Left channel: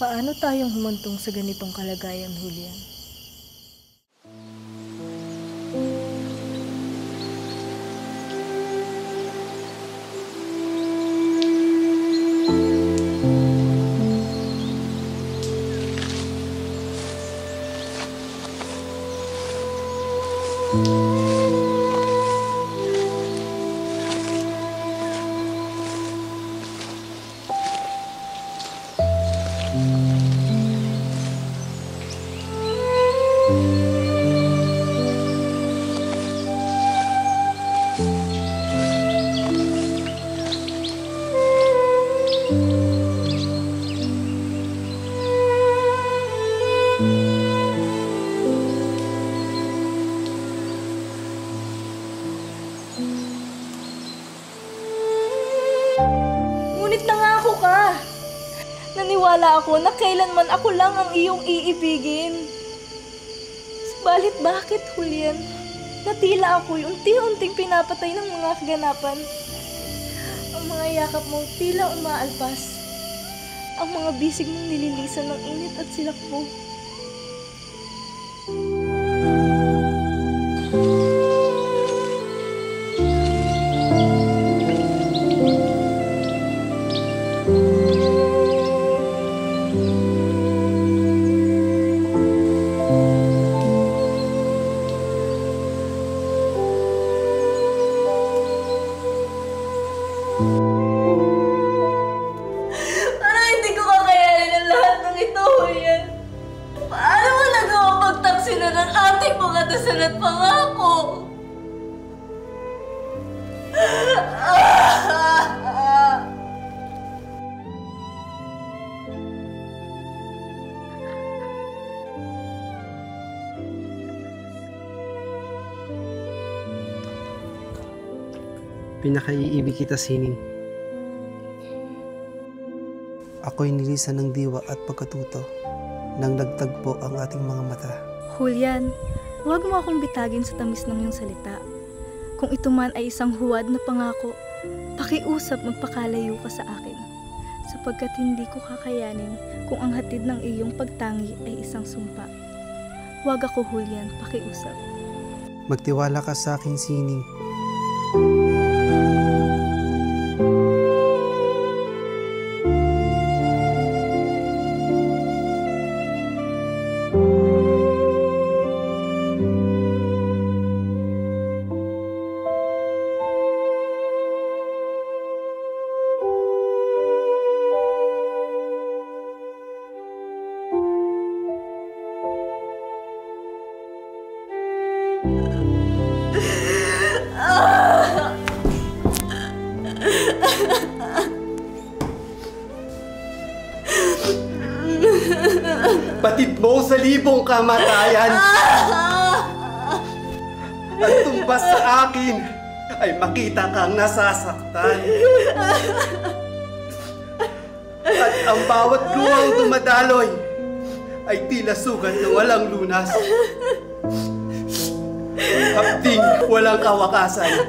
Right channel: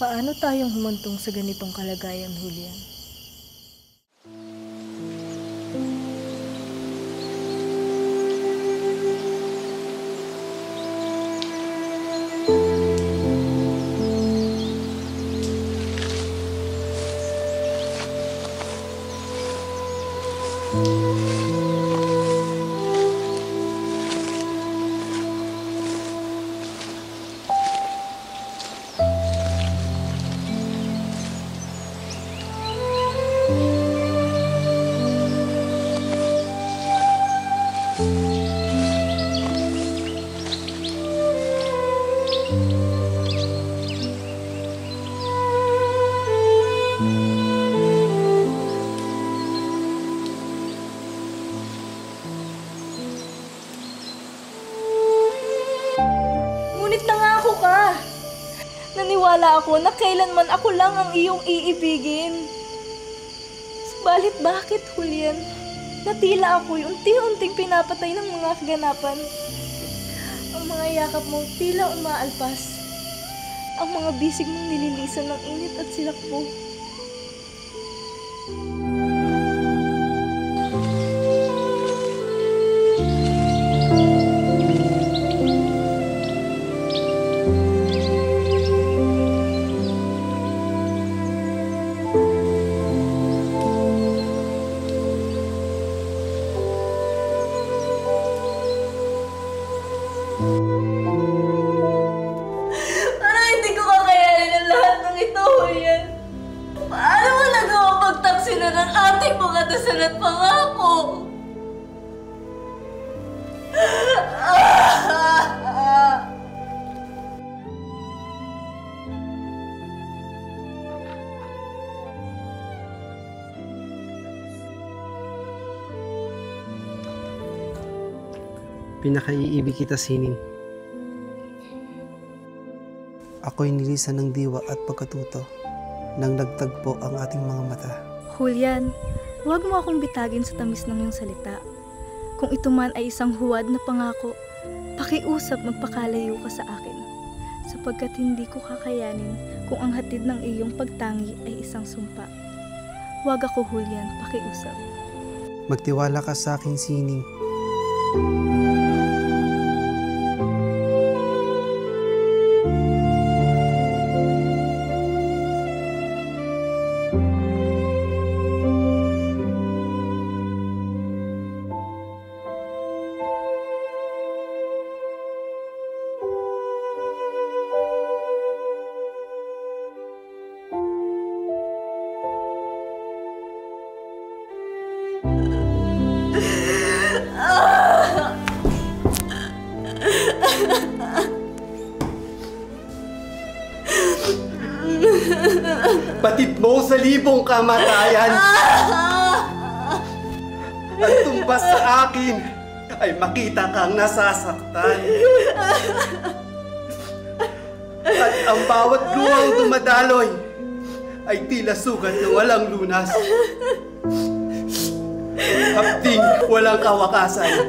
Paano tayong humantong sa ganitong kalagayan, Julian? Ngunit nangako ka. Naniwala ako na kailanman ako lang ang iyong iibigin. Subalit bakit, Julian? Natila ako'y unti-unting pinapatay ng mga kaganapan. Ang mga yakap mo tila umaalpas. Ang mga bisig mong nililisan ng init at silakbo. Parang hindi ko kakayanin ang lahat ng ito, Julian. Paano mo nagawa pagtaksinan ang ating mga dasal at pangako? Pinakaiibig kita, Sining. Ako'y nilisan ng diwa at pagkatuto nang nagtagpo ang ating mga mata. Julian, huwag mo akong bitagin sa tamis ng iyong salita. Kung ito man ay isang huwad na pangako, pakiusap magpakalayo ka sa akin. Sapagkat hindi ko kakayanin kung ang hatid ng iyong pagtangi ay isang sumpa. Huwag ako, Julian, pakiusap. Magtiwala ka sa akin, Sining. Batid mo sa libong kamatayan at tumbas sa akin ay makita kang nasasaktan. At ang bawat luhang dumadaloy ay tila sugat na walang lunas. Hapding walang kawakasan.